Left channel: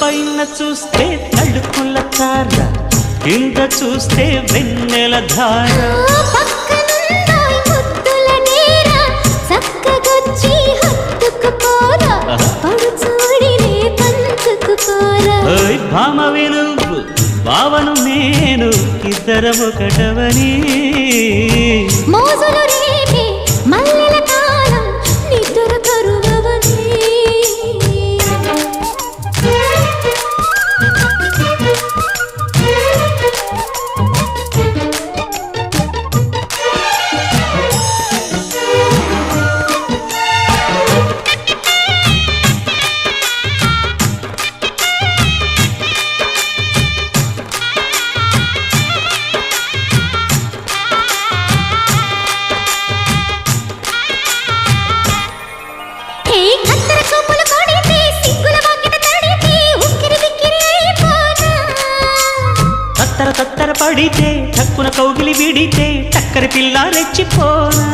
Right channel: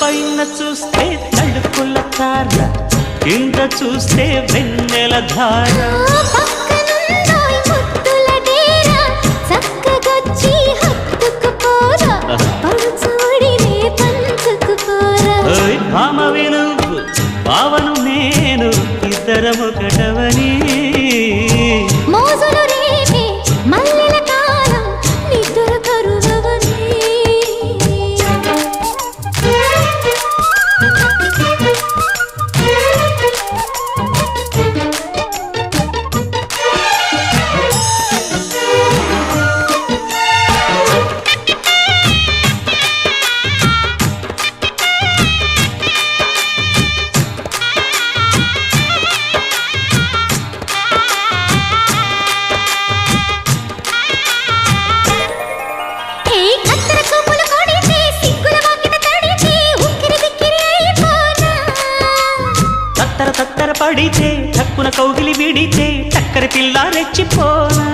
పైన చూస్తే తడుకుల తార, కింద చూస్తే వెన్నెల ధార. పక్కనుందోయ్ ముద్దుల డేరా, చక్కగొచ్చి హత్తుకుపోరా, పడుచూడినే పంచుకుపోరా. భామ విలువు భావను నేను, ఇద్దరమొకటవని. మోజులు రేపే మల్లెల కాలం, నిద్ర కరువవని. తత్తర తత్తర పడితే, తక్కున కౌగిలి విడితే, చక్కరి పిల్ల రెచ్చిపోనా.